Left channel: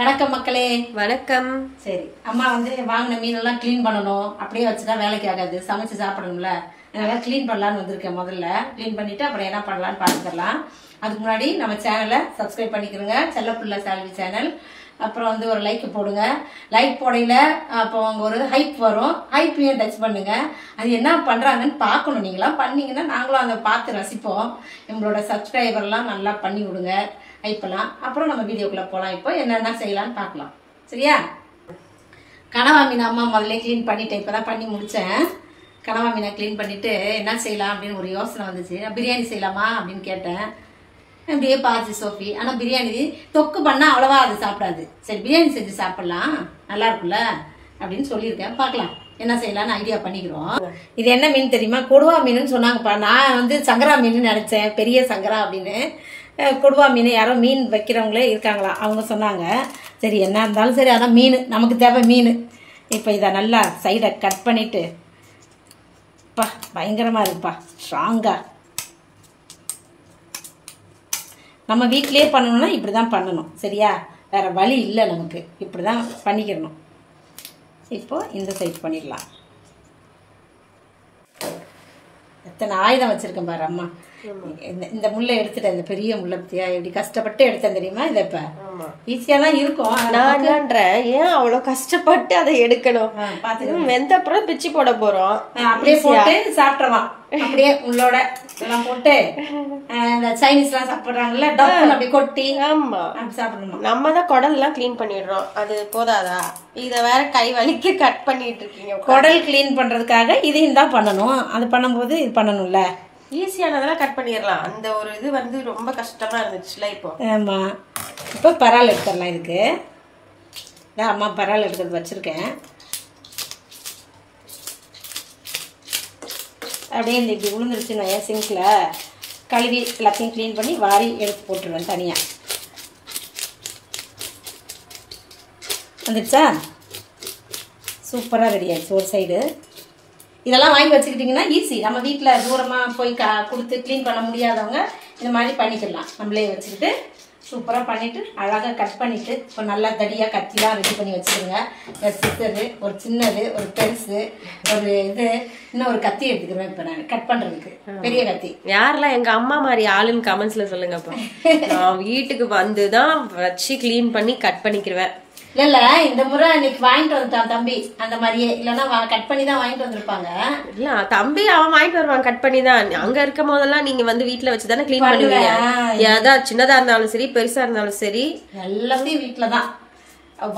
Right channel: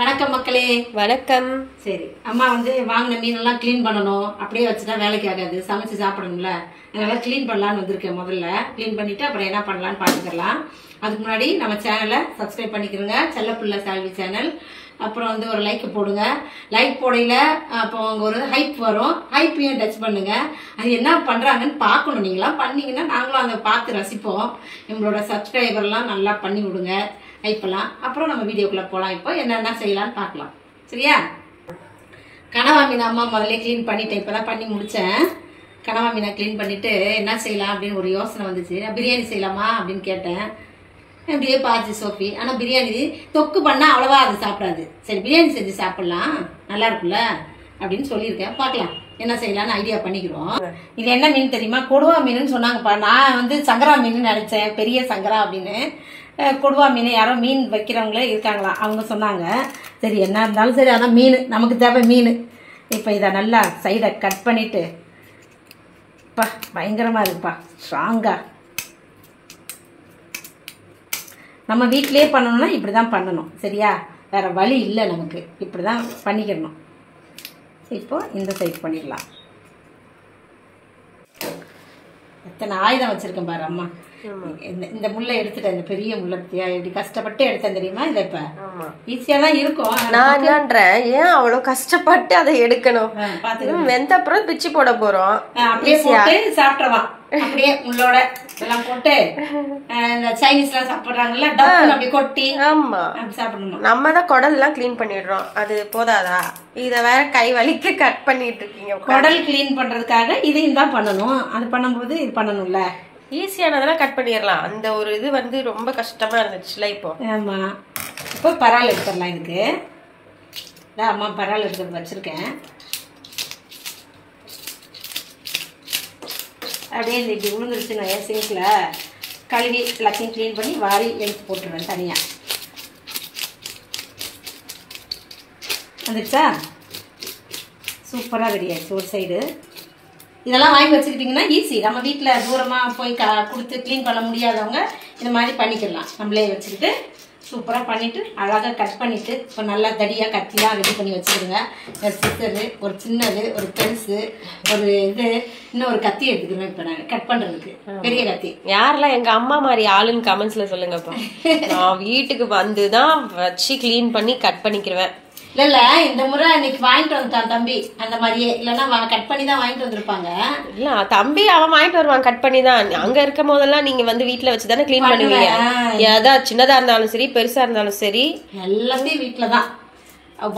வணக்கம் மக்களே. வணக்கம். சரி, அம்மா வந்து வாங்கின மீனெல்லாம் க்ளீன் பண்ணணும். அப்படியே வச்சுட்டா வேலைக்கு ஆகாது, சமைச்சு சாப்பிடணும்ல. அதனால க்ளீன் பண்ணலான்னு வந்திருக்கேன். முதல்ல க்ளீன் பண்ணிட்டு அப்புறம் என்ன பண்ணலான்னு பார்த்துக்கலாம். அதுக்கு முன்னாடி நம்ம சேனலை சப்ஸ்கிரைப் பண்ணிக்கிறோங்க, செல்லப்புள்ள சால்வி சேனல். அப்புறம் வந்து ஒரு லைக் போடுங்க. லைக் போடையில அப்போ அங்கே ஒரு ஹைப் வரும், ஹைப்பையும் டச் பண்ணுங்க. அது என்ன பண்ணுறாங்கன்னு பார்க்கணும். நீங்களாம் பண்ணீங்கன்னா நாங்களும் அதை பார்த்து ரசிப்போம். எங்களோட சப்ஸ்கிரைபர்லாம் நல்லா பண்ணி விடுங்க, ஹைப்பெல்லாம். அப்புறம் நம்ம வீடியோக்குள்ளே போகலாம். இப்போ என்னென்ன செய்யலான்னு பார்க்கலாம். சரியா? கனவா மீன் அம்மா முதல்ல க்ளீன் பண்ணிட்டேன், இப்போ தான் பண்ணி முடித்தேன். கனவா மீனை க்ளீன் பண்ணிவிட்டு என்ன செய்யலாம் அப்படின்னு ஒரு யோசனை வந்துச்சு. பிரியாணி செய்யலாமா அப்படின்னு கேட்டேன். அப்படியே பார்த்து சோஃபி. ஆனால் பிரியாணி தொக்கு பண்ணால் அவ்வளவா அது சாப்பிடாது. சரி, பிரியாணி செஞ்சு சாப்பிட்லாம், நல்லா இருக்குல்ல அப்படின்னு சொல்லியிருக்கேன். பார்க்கலாம் என்ன செய்யலான்னு ஐடியா பண்ணிக்கிறோம். இது என்ன மீன் தெரியுமா? கொடுவா மீனுன்னு சொன்னாங்கப்பா. நான் வந்து சங்கரா மீன் நினச்சேன், பெரிய சங்கரா அப்படின்னு. கொடுவா மீன் யாரோ மீன் வைக்கிறவங்களே இருக்காங்களாம், அவங்க சொன்னாங்க. சரி, என்ன இருந்தாலும் சரி, அதான் மீன் நமக்கு தேவை மீன். இப்போ இதை நல்லா சைடை கட் பண்ணிவிட்டு, பா பயங்கரமாக இருக்குப்பா, ஸ்ட்ராங்காக. நம்ம வீட்டிலே பண்ணணும்னா இப்படி தான் பண்ணணும். சரியா? வேறு வழி இல்லை நமக்கு, இப்படி தான் பண்ணிக்கிறணும். இப்போ இந்த சைட் பண்ணிடலாம். எத்தனை ஆயுதம் வச்சுருக்கேன் பாரு அம்மா. இந்த முள்ளை எடுத்துட்டேன், இந்த பெரிய முள்ளை பத்தியா எப்படி கஷ்டப்பட்டு எடுத்தேன் தெரியுமா? இதை இப்போ ஈஸியாக தான் இருக்கும். நான் என்னன்றேன், ஏன் அவ்வளோ கஷ்டப்பட்டு அதை எடுக்கணும்? வெந்த அப்புறம் பிச்சு போட போறோம், அப்படியே போட்டு சாப்பிட்றலாம். அப்படியே உள்ளோட எல்லாம் போட்டு இந்த சைனீஸ் எல்லாம் சாப்பிடுறாங்கல்ல, டக்குன்னு அப்படி கொட்டி ஆமா அப்படி சாப்பிடணும். நம்ம தான் குடல் எல்லாம் கிளீன் பண்ணிடுறோம், அது போதாதா? இத வேற கை வலிக்கு கட் பண்ணிட்டு இருக்கீங்க. குடல் கிளீன் பண்றதுக்காக இதையும் தான் பண்ணணும். அது பண்ணும்போது இது பண்ணணும்ல. ஈஸியானதெல்லாம் கட் பண்ணிடலாம். அந்த ஒரு இது வந்து ரொம்ப கஷ்டமா இருந்துச்சுல இப்போ. ஆமா, இப்போ பரால் எடுத்துடலாம். இதுக்கு இதான் அம்மா பரால் எடுத்து வச்சிருக்கேன். அப்படியே இந்த இப்படி விழுந்துருச்சுன்னு சிங்கில் கழுவி எல்லாத்தையும் க்ளீன் பண்ணி வாரி எடுத்து போட்டுருவேன் தனியாக. வந்துடுச்சா? சூப்பராக ரெடி ஆயிடுச்சு ஒரு சைடு. இதெல்லாம் வாங்கி வச்சுக்கிட்டிங்கன்னா ஈஸி. நம்ம வீட்டில் தூரமாக போய் கொடுத்து க்ளீன் பண்ண முடியாதவங்க இந்த மாதிரி பண்ணிக்கலாம். நம்மளே வச்சுக்கிட்டு சூப்பராக பண்ணிவிட்டு அழகாக கட் பண்ணிவிட்டு இப்போ நல்லா தடியாக கத்திலாம் ரெடி பண்ணி வச்சுக்கிடுங்க. சிசரு, ஒரு சின்னது, ஒரு பெருசு, ஒரு இது, இன்னும் ஒரு கத்தி எடுத்துக்கிறேன் இப்போ நான் கட் பண்ணுறதுக்கு, பெரிய கத்தி. யாரெல்லாம் எங்க அம்மா மாதிரி ஆளுன்னு கமெண்ட்ஸ்ல சொல்லுங்கப்பா. நான் வீட்டுக்கு வந்து தான் வச்சு க்ளீன் பண்ணி கட் பண்ணிக்கிறேன். இல்ல இந்த முறை இன்னைக்கு வாங்கிட்டு வந்துட்டான் தம்பி, அந்த மாதிரியே. இல்லன்னா கட் பண்ணி தான் வாங்கிட்டு வந்திருப்பாங்க. இல்ல தம்பி அவன் வாங்கிட்டு வருவான் கட் பண்ணி தான். அங்க இருக்கும் போதெல்லாம் நீங்க வந்து வீட்டுல வச்சுதானே கிளீன் பண்ணுவீங்க. ஏதாவது சின்னதா இருந்தாலும் சரி, பெருசா இருந்தாலும் சரி, எல்லாத்தையும் வீட்டுலதான்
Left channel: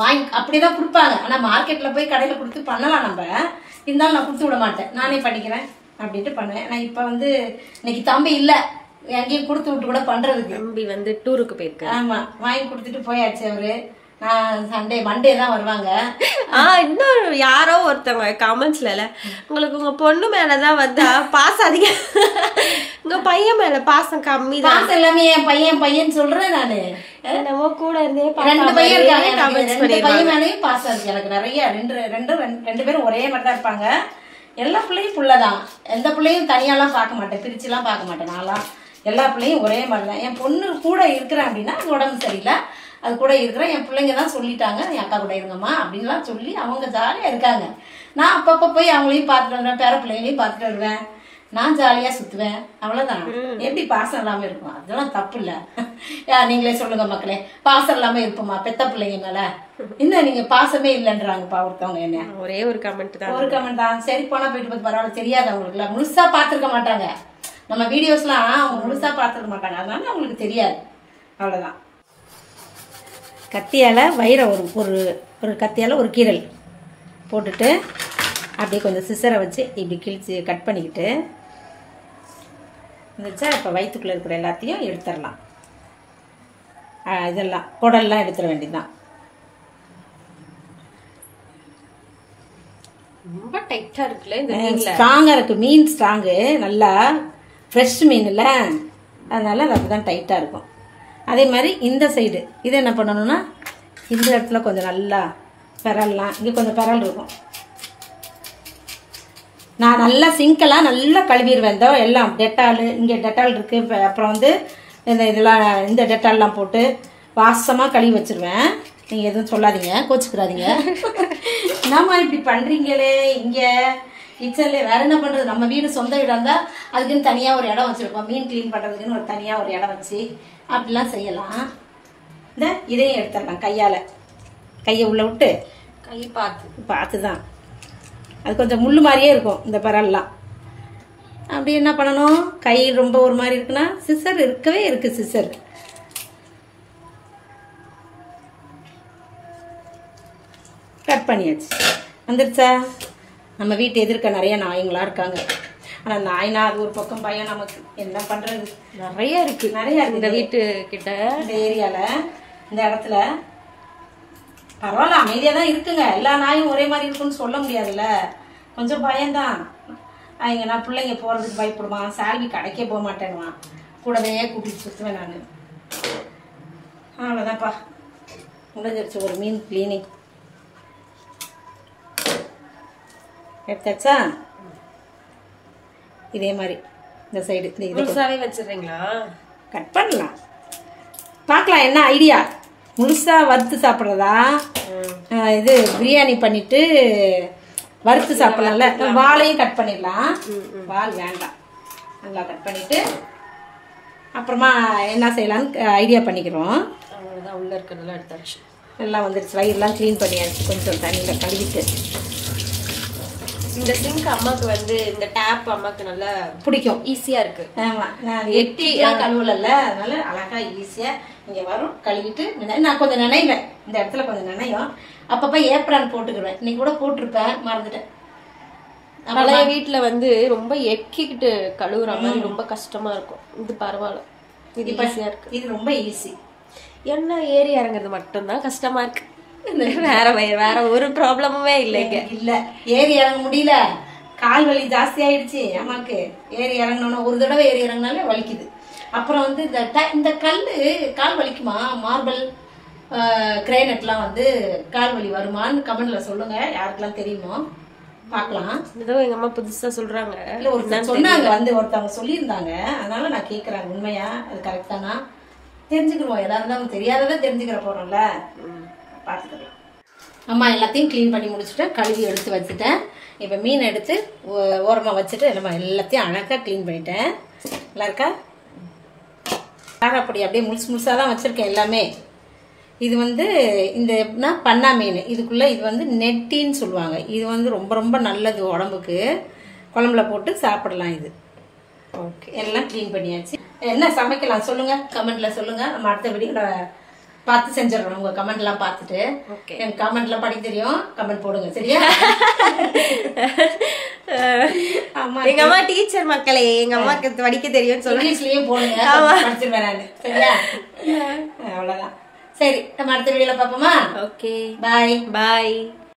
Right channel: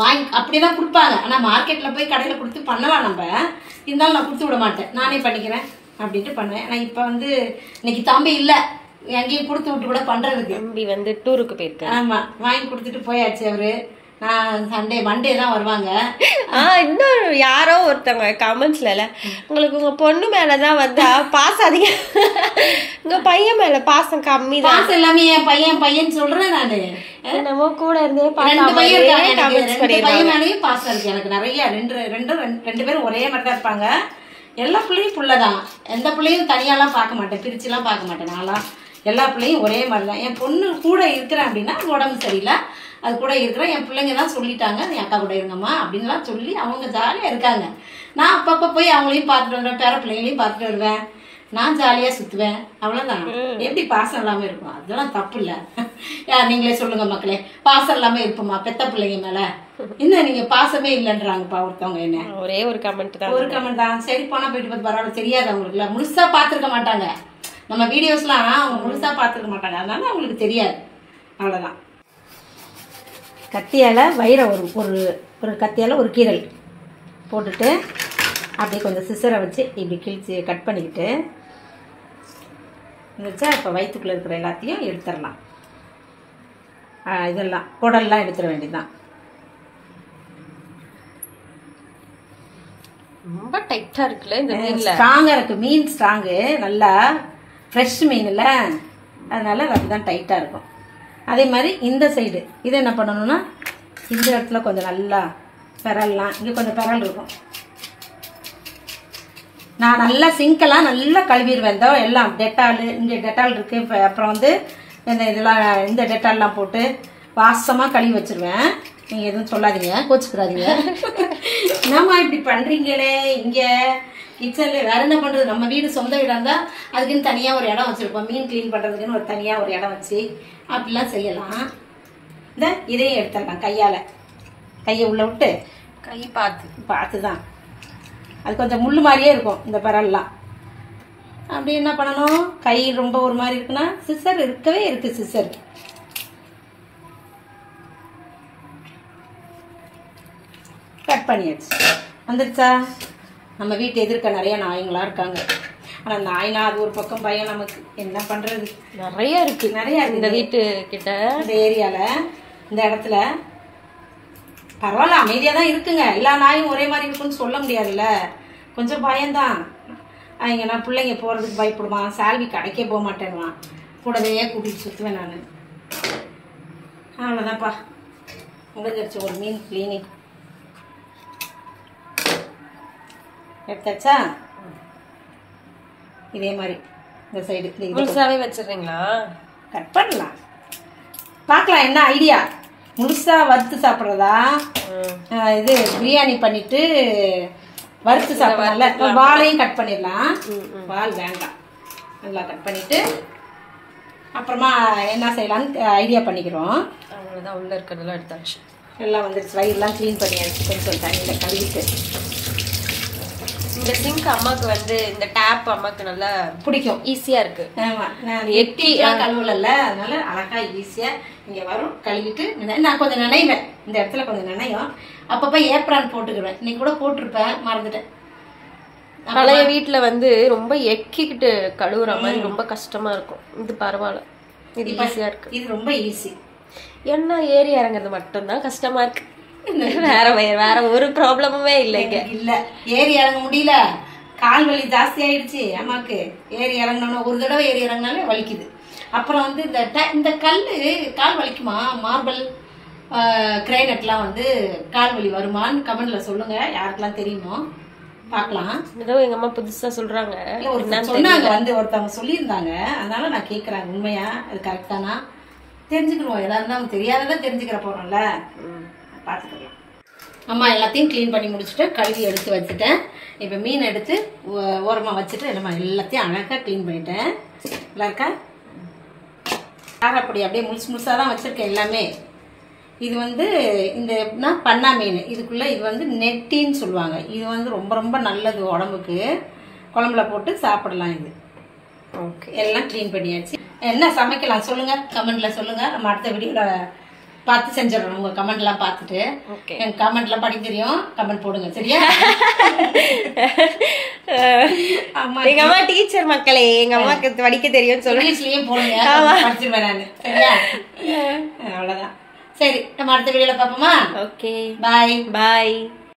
வாங்கி அப்படிதான் கொடுப்பாங்க. ஆனா மார்க்கெட்ல போய் கடையில கொடுத்து பண்ணலாம் நம்ம. இருந்தாலும் நான் கொடுத்து விட மாட்டேன், நானே பண்ணிக்கிறேன் அப்படின்ட்டு பண்ணுவேன். ஆனா இப்ப வந்து இன்னைக்கு தம்பி இல்ல, எங்கேயும் கொடுத்து விட்டு கூட பண்றதுக்கு. தம்பி வந்து டூருக்கு போயிருக்கேன். ஆமா, வாங்கி கொடுத்துட்டு போயாச்சு அவரு. சண்டே மண்டே தான் வருவாங்க. இன்னும் யாரோ ஒருத்தவங்க கமெண்ட்ஸ்ல, உங்களுக்கு உங்க பொண்ணு மேலதான் வந்தா பாசம் அதிகம், உங்க பையன் மேல பாசம் கம்மி தான். பாசம் எல்லாமே என் பையன் பையன் சொல்றேன் நானு. என்னமோ கூட இருந்தே பையன் மேலேயும் பாசம் இருக்கு எனக்கு நிறைய. ரெண்டு பேரும் ஒரே மாதிரி தான் இருப்பாங்க. எல்லா பிள்ளையும் புள்ளதான். எந்த பிள்ளையும் தனியாலாம் பார்க்க மாட்டேன், பிரிச்சுலாம் பார்க்க மாட்டேன். நான்லாம் எல்லா பிள்ளையும் ஒரே மாதிரி தான். என் பொண்ணு கூட இருக்கிறேன் அப்படின்னா உடம்பு சரியில்லை, அது கூட இருக்கிறேன். என் பிள்ளைங்க தான் சொல்லிட்டாங்க, என் அக்கா கூட இருங்கம்மா அப்படின்லாம் சொல்லி அவங்க ஜாலியாக இருக்காங்க. நான் அப்பப்போ போய் அவங்களையும் பார்த்துட்டு வருவேன், பேர பிள்ளைங்களையும் பார்த்துட்டு வருவேன். நான் ஜாலியாக சுற்றுவேன், அவ்வளோதான். எப்படி பாசம் இல்லாமல் இருக்கும்? அதெல்லாம் தப்பு இல்லை. நீங்களே சொல்லுங்க மக்களே, பாசம் இல்லாமல் இருப்போமா பெத்த பிள்ளைங்க மேலே? இன்னும் நீங்கள் பாசமே இல்லைன்றாங்கப்பா ஒருத்தவங்க. என்ன ஒரே ஒரு கமெண்ட் தான், ஒரு கமெண்ட் தான். சரி, போனால் போயிட்டு பார்த்து பரவாயில்ல, தெரியாது அவங்களுக்குல, முழுசாக பார்த்துருக்க மாட்டாங்க. நம்ம வீடியோஸ்லாம் அவங்க முழுசாக பார்த்துருக்க மாட்டாங்க, அதனால அவங்களுக்கு தெரியாது, அவ்வளோதான். கத்தியால் வயிறை ஒரு கத்தியால் ஒரு கீரல் போட்டுட்டு அப்படியே கொஞ்சம் சிசரை வச்சு இப்படி கிழிச்சு கட் பண்ணிக்கிட்டு இருந்துச்சா. இப்போ வயிற்றுக்குள்ளே இருக்கிற எல்லாத்தையும் எடுத்துடலாம். இதெல்லாம் குடல்லாம் எடுத்துட வேண்டியதுதான். ரொம்ப டைட்டா இருக்குல்ல இந்த மீன்ல. ஸ்ட்ராங்கா இருக்கு மீன், ஸ்ட்ராங்கு, நல்லா ஃப்ரெஷ் மீன் இல்லை, அதனால அது அப்படிதான் டைட்டா இருக்கும். அதே மாதிரி இந்த சைடு இது என்ன பண்ணணும்னா, இந்த இடத்துல கொஞ்சம் நல்லா பெரல்லாம், இங்கே கொஞ்சம் பெரல் இருக்கும். நான் நல்லா சிங்கெல்லாம் நல்லா கழுவிடுவேன். எல்லாம் டெட்டால், இங்கே டெட்டால் இருக்குது. அப்புறம் வந்து இந்த இதெல்லாம் இந்த டெட்டால்லாம் போட்டு வாசமாக கழுவி வச்சிருவேன். நீங்கள் எதுவும் சொல்லாதீங்க, கோச்சுக்கிறாதீங்க. என்னம்மா இப்படி பண்ணுறீங்களே இங்கே கிச்சனில்? வேறு என்ன பண்ணுறது? நம்ம வீடு சொந்த வீடாக இருந்தால் அதுக்குன்னு தனியாக ஒரு இடம் வச்சுருப்போம். மீன் க்ளீன் பண்ணுறதுக்குன்னு ஒரு தனியாக ஒரு இடம் வச்சு அப்படிலாம் செய்யலாம். இந்த இதையும் எடுத்துடலாம் கையால். கையை உள்ளே விட்டு கை பார்த்து தான். அது கொஞ்சம் முள் மாதிரியே இருக்கும் இந்த பரல்லாம். அப்படி என்ன பண்ணணும்? கை ரொம்ப ஒரு மாதிரி இருக்குன்னா சிசர் இருக்கவே இருக்குது. சிசர் கட் பண்ணியாச்சு. வந்துருச்சா? நம்ம வீட்டு எதிர்க்க நிறைய நாய்ங்களா இருக்காங்க. ஆனால் நாய்னா அது ஒரு பக்கம் பயம். நமக்கு என்ன பண்ணுறது? நிறைய இருக்கு இந்த வீட்டு கிட்ட, இந்த ஏரியாவில், இந்த இடத்துல. பரவாயில்ல, அமைதியாக தான் இருக்குங்க. எல்லா நாயும் ஒரே மாதிரி இருக்குன்னு சொல்ல முடியாதுல்ல. கொஞ்சம் பயம்தான். அவங்க நான் பிள்ளைங்க போகிறதுக்கு பயப்படுவான். சால்வி கடைக்கே போக மாட்டேன்வான். கூடவே கூட்டிகிட்டு சுற்றுவேன் நான். அவ்வளோதான்ப்பா, முடிஞ்சிருச்சு ஒரு மீன் கிளீனிங். எடுத்தாச்சா? இதே மாதிரி இந்த சைடு முழுசாவே வச்சிடுறீங்களா? கட் பண்ணலாம், பார்க்கலாம் என்ன ஐடியா. முழுசா வறுத்து சாப்பிட்றதா, இது பிரியாணி பண்ணிட்டு வறுத்து சாப்பிடலாம்ல. வாழையும் கட் பண்ணிடலாம். வால் வேண்டாம், நல்லா கட் பண்ணிட்டு அப்புறமா என்ன செய்யலாம்னு ஐடியா பண்ணிக்கிறோம். அவ்வளோதான், உள்ள இருக்கிறதெல்லாம் எடுத்தாச்சு. எல்லாம் வந்துருச்சு. வயிறுலாம் க்ளீன் பண்ணியாச்சு. கொஞ்சம் தண்ணியில் கழுவிட்டு. இந்த சிங்க் அம்மாக்கு வந்து இந்த டேப் அம்மாக்கு நல்லா பிடிக்கும், ஈஸியா இருக்கு. ஆமா, நான் கழுவல, அதனால அழகா ஈஸியா இங்க வரும். கழுவிட்டு நான் கொஞ்சம் நினைவேன், இந்த இடத்துல கொஞ்சம் நினைவும். அப்பப்ப ஏப்ரான் போட்டுக்குவேன். இன்னைக்கு கூட போட்டிருப்பேன், மறந்துட்டேன். பழைய வீட்டுல வந்து ரொம்ப எக்கிக்கிட்டு கழுவுற மாதிரி ரொம்ப கஷ்டமா இருக்கும். இது பரவாயில்ல, இது ஈஸியா இருக்கு. இது ரொம்ப ஈஸி. என்ன ஏறி இறங்குறது மட்டும்தான் கஷ்டமா இருக்கு. வேற ஒரு ப்ராப்ளமுமே இல்லைங்க. இல்ல, ஏறி இறங்க முடியல. கால் வலி ஜாஸ்தி ஆயிடுச்சு அம்மாக்கு. ஏறி இறங்கினோன்னா ஒரு தடவை ஏறி இறங்கினாலே வலிக்குது. அப்புறம் வந்து இந்த கல்லு கால் வலிக்குமா? மார்பிள் கிரைனட்லாம் வந்து கால் வலி வருமான்னு கமெண்ட்ல சொல்லுங்க, யாருக்கெல்லாம் தெரியுமோ பார்க்கலாம். ஏதோ எங்க அம்மா புதுசா சொல்றாங்க, சொன்னாங்க வந்து ஒருத்தவங்க சொல்லியிருந்தாங்க. அதனால நான் கேட்கறேன், உண்மையா அது கரெக்டானா தெரிஞ்சுக்கிறோம். எதா இருந்தாலும் தெரியாததை தெரிஞ்சுக்கிற போறோம்ல, பார்த்துக்கலாம். அம்மா எல்லாத்தையும் க்ளீன் பண்ணி முடிச்சுட்டு கழுவி எடுத்து வச்சுட்டேன். இப்போ மீன் எடுத்து ஓரமாக வச்சுட்டு நம்ம எல்லாத்தையும் அழகாக க்ளீன் பண்ணிட்டேன். நல்லா இருக்கா? காரப்பொடி அப்படியே முழுசாக தான் வச்சுருக்கேன் எல்லாமே. இது வந்து இந்த பண்ணா மீன், இதுக்குள்ளே இது வந்து நெட்டின்னு சொல்லுவாங்க. இது வந்து ரொம்ப ரொம்ப நல்லது உடம்புக்கு. குழம்புல போட்டு சாப்பிடலாம் இது. ஓகே, எல்லாம் க்ளீன் பண்ணியாச்சு. என்ன சமைக்கலாம் சொல்லுங்க, கமெண்ட்ல சொல்லுங்க. நம்ம அடுத்த வீடியோவில் பார்த்து செஞ்சிடறோம். உங்க கமெண்ட் எல்லாம் பார்த்துட்டு என் கமெண்ட் எல்லாம் படிக்க தெரியும், கமெண்ட் போடுங்க சரியா? எங்க அம்மா டீச்சர் மக்களே, எங்க அம்மாக்கு படிக்க தெரியும் சொல்லுங்க. இங்கிலீஷ்லயும் போடுங்க, படிச்சிருவேன் நான் சரியா? அவ்வளவுதான். சரி, நம்ம அடுத்த வீடியோல பார்ப்போமா? ஓகே, பாய் பாய்.